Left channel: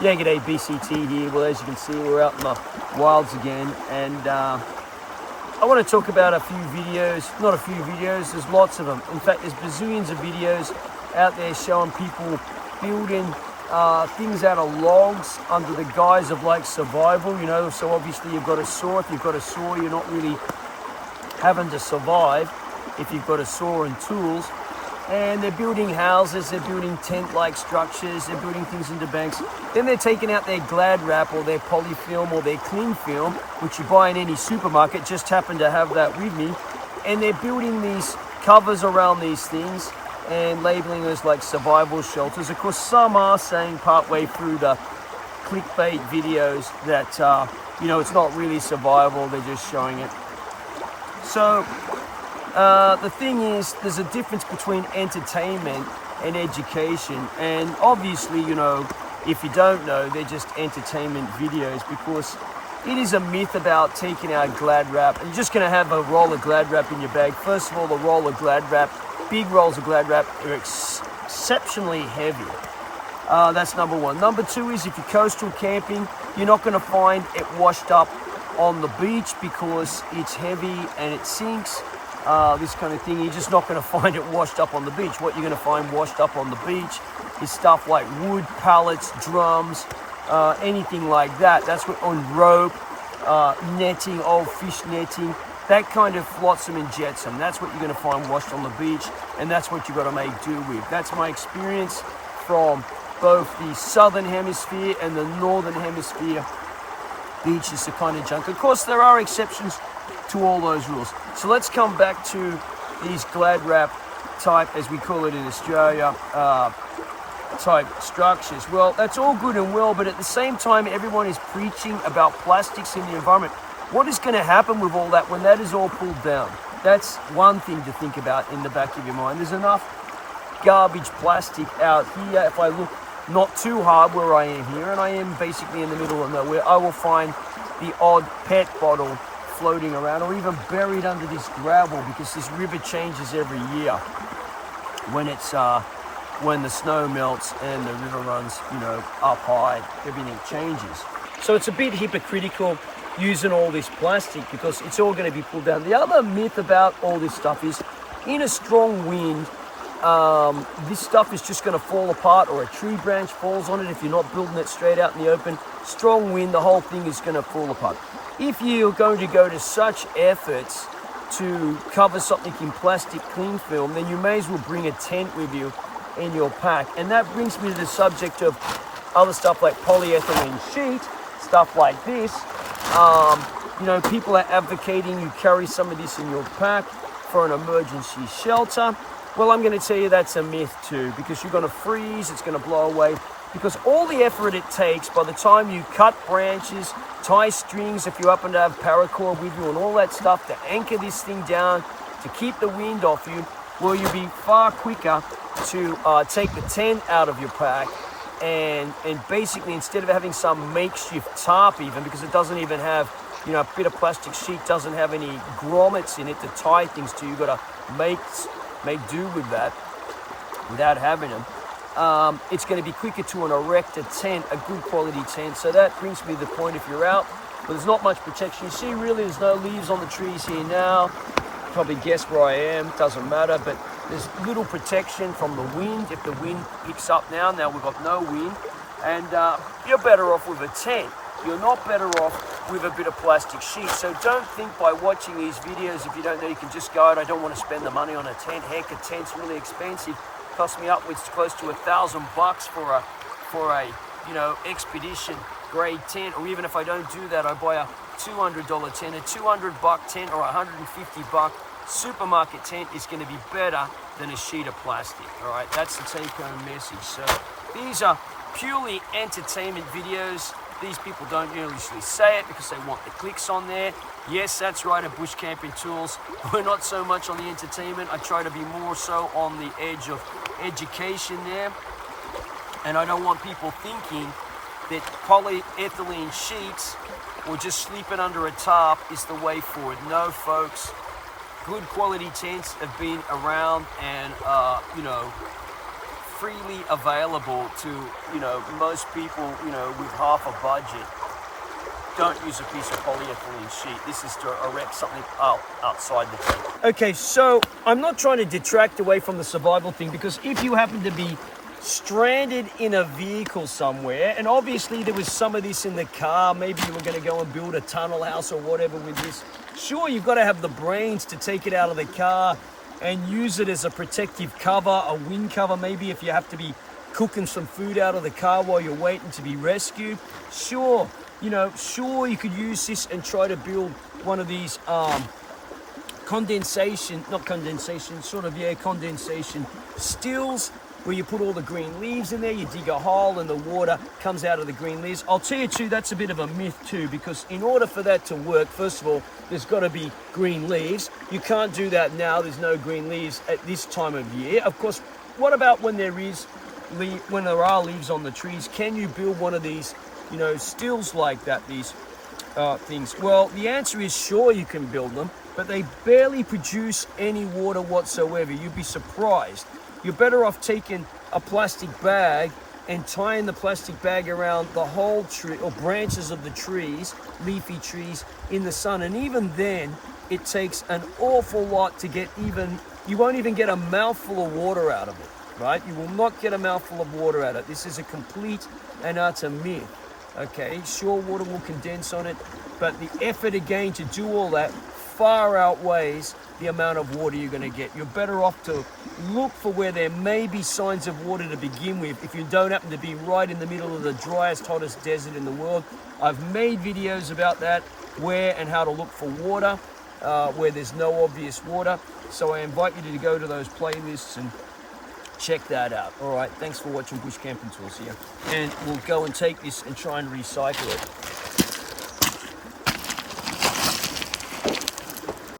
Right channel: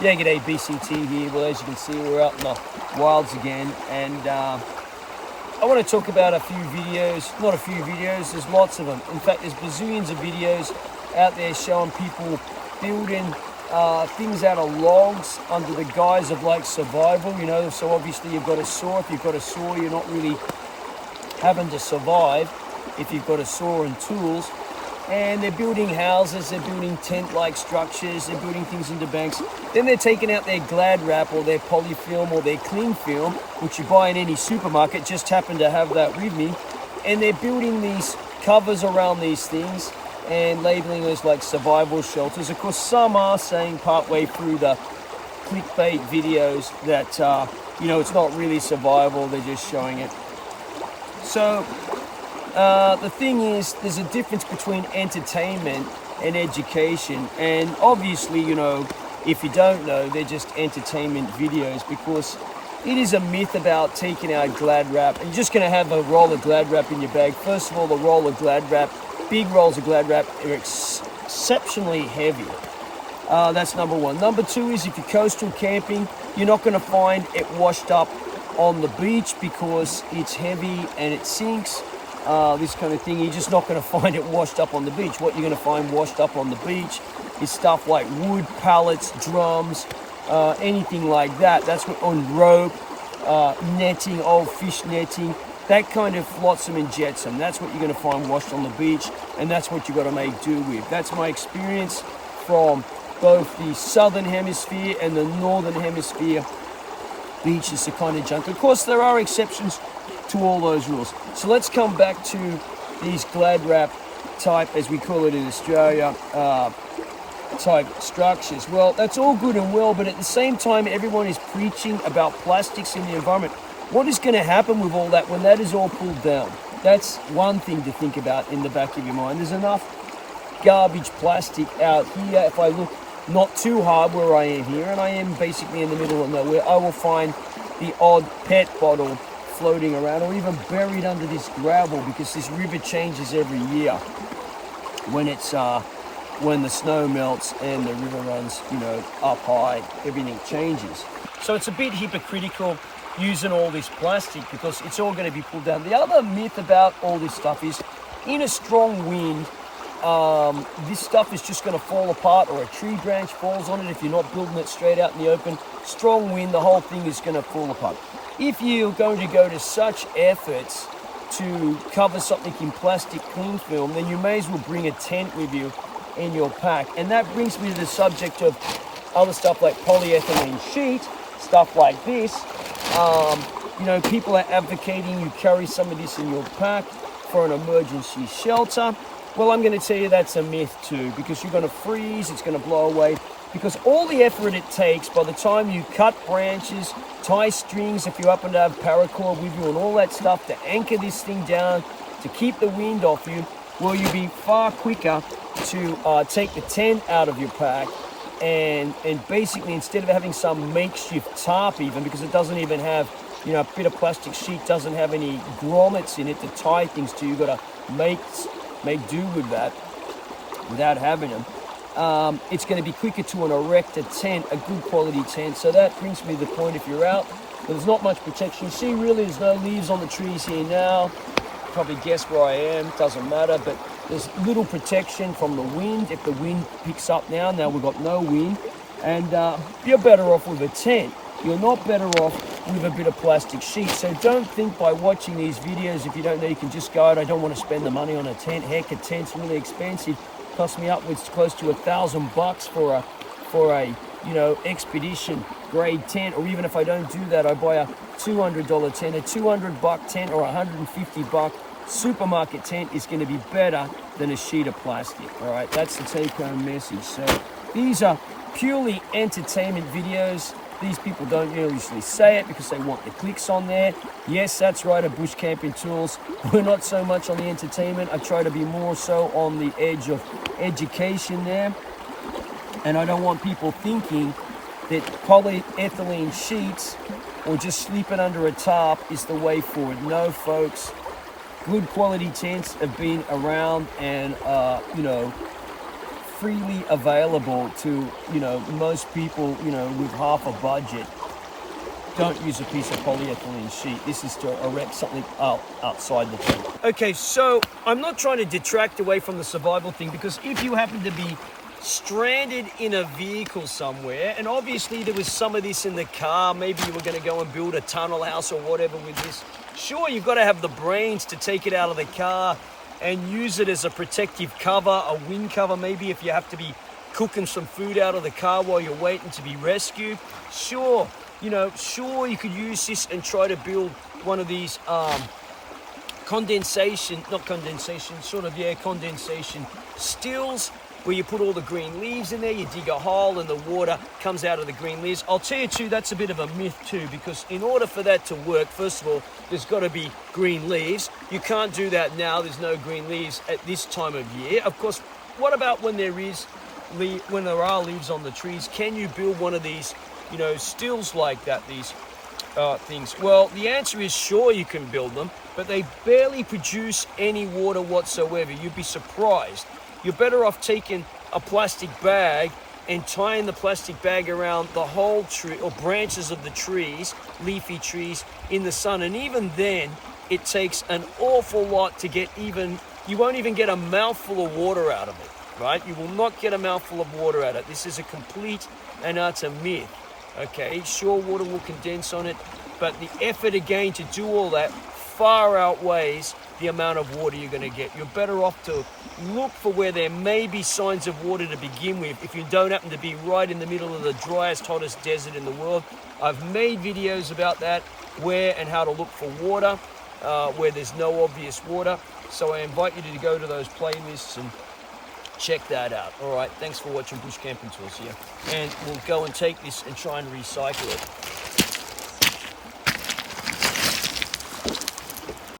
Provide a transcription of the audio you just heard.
Yeah, g'day, BCT here. Well, as you can see, we're out in the wilds again, and I want to talk about a few videos. Not a few videos, there's lots of them. In fact, there's bazillions of videos out there showing people building things out of logs under the guise of like survival, you know. So obviously you've got a saw. If you've got a saw, you're not really having to survive if you've got a saw and tools. And they're building houses, they're building tent-like structures, they're building things into banks. Then they're taking out their Glad Wrap or their polyfilm or their cling film, which you buy in any supermarket, just happen to have that with me. And they're building these covers around these things and labeling those like survival shelters. Of course, some are saying partway through the clickbait videos that, you know, it's not really survival, they're just showing it. So, the thing is, there's a difference between entertainment and education, and obviously, you know, if you don't know, they're just entertainment videos, because it is a myth about taking out Glad Wrap and you're just going to have a roll of Glad Wrap in your bag. First of all, the roll of Glad Wrap, big rolls of Glad Wrap, are exceptionally heavy. That's number one. Number two is, if you're coastal camping, you're not going to find it washed up on the beach because it's heavy and it sinks. This kind of thing, you're just not going to find it washed up on the beach. What you're going to find washed up on the beach is stuff like wood, pallets, drums, anything like that. That's what, on rope, netting, old fish netting, that kind of flotsam and jetsam. That's what you're going to find washed on the beach, and that's what you've got to make do with. That's my experience from both the southern hemisphere and the northern hemisphere beaches, the kind of junk. Of course, there are exceptions to all those rules. So let's come back to these Glad Wrap type, as we call it in Australia, type structures. Well, that's all good and well, but at the same time, everyone is preaching about plastics in the environment. What is going to happen with all that when that is all pulled down? That's one thing to think about in the back of your mind. There's enough garbage plastic out here. If I look not too hard where I am here, and I am basically in the middle of nowhere, I will find the odd PET bottle floating around, or even buried under this gravel, because this river changes every year when it's when the snow melts and the river runs, you know, up high. Everything changes. So it's a bit hypocritical using all this plastic, because it's all going to be pulled down. The other myth about all this stuff is, in a strong wind, this stuff is just going to fall apart, or a tree branch falls on it if you're not building it straight out in the open. Strong wind, the whole thing is going to fall apart. If you're going to go to such efforts to cover something in plastic cling film, then you may as well bring a tent with you in your pack. And that brings me to the subject of other stuff like polyethylene sheet, stuff like this. You know, people are advocating you carry some of this in your pack for an emergency shelter. Well, I'm going to tell you that's a myth too, because you're going to freeze, it's going to blow away, because all the effort it takes by the time you cut branches, tie strings if you happen to have paracord with you, and all that stuff to anchor this thing down, to keep the wind off you, well, you'll be far quicker to take the tent out of your pack, and basically, instead of having some makeshift tarp even, because it doesn't even have, you know, a bit of plastic sheet doesn't have any grommets in it to tie things to, you've got to make do with that without having them. It's going to be quicker to erect a tent, a good quality tent. So that brings me to the point, if you're out, but there's not much protection. You see, really, there's no leaves on the trees here now. Probably guess where I am, doesn't matter, but there's little protection from the wind. If the wind picks up now we've got no wind, and you're better off with a tent. You're not better off with a bit of plastic sheet. So don't think by watching these videos, if you don't know, you can just go out, I don't want to spend the money on a tent. Heck, a tent's really expensive. Cost me upwards close to $1,000 for a you know, expedition grade tent. Or even if I don't do that, I buy a $200 tent. A $200 tent or $150 supermarket tent is going to be better than a sheet of plastic. All right, that's the take-home message. So these are purely entertainment videos. These people don't usually say it because they want the clicks on there. Yes, that's right, at Bush Camping Tools, we're not so much on the entertainment. I try to be more so on the edge of education there. And I don't want people thinking that polyethylene sheets or just sleeping under a tarp is the way forward. No, folks. Good quality tents have been around and, you know, freely available to, you know, most people, you know, with half a budget. Don't use a piece of polyethylene sheet. This is to erect something outside the tent. Okay, so I'm not trying to detract away from the survival thing, because if you happen to be stranded in a vehicle somewhere, and obviously there was some of this in the car, maybe you were going to go and build a tunnel house or whatever with this, sure, you've got to have the brains to take it out of the car and use it as a protective cover, a wind cover, maybe if you have to be cooking some food out of the car while you're waiting to be rescued. Sure, you know, sure, you could use this and try to build one of these condensation stills, where you put all the green leaves in there, you dig a hole and the water comes out of the green leaves. I'll tell you too, that's a bit of a myth too, because in order for that to work, first of all, there's got to be green leaves. You can't do that now, there's no green leaves at this time of year. Of course, what about when there are leaves on the trees? Can you build one of these, you know, stills like that, these things? Well, the answer is sure, you can build them, but they barely produce any water whatsoever. You'd be surprised. You're better off taking a plastic bag and tying the plastic bag around the whole tree or branches of the trees, leafy trees, in the sun. And even then, it takes an awful lot to get you won't even get a mouthful of water out of it, right? You will not get a mouthful of water out of it. This is a complete and utter myth, okay? Sure, water will condense on it, but the effort again to do all that far outweighs the amount of water you're going to get. You're better off to look for where there may be signs of water to begin with, if you don't happen to be right in the middle of the driest, hottest desert in the world. I've made videos about that, where and how to look for water, where there's no obvious water. So I invite you to go to those playlists and check that out. All right, thanks for watching Bush Camping Tools here. And we'll go and take this and try and recycle it.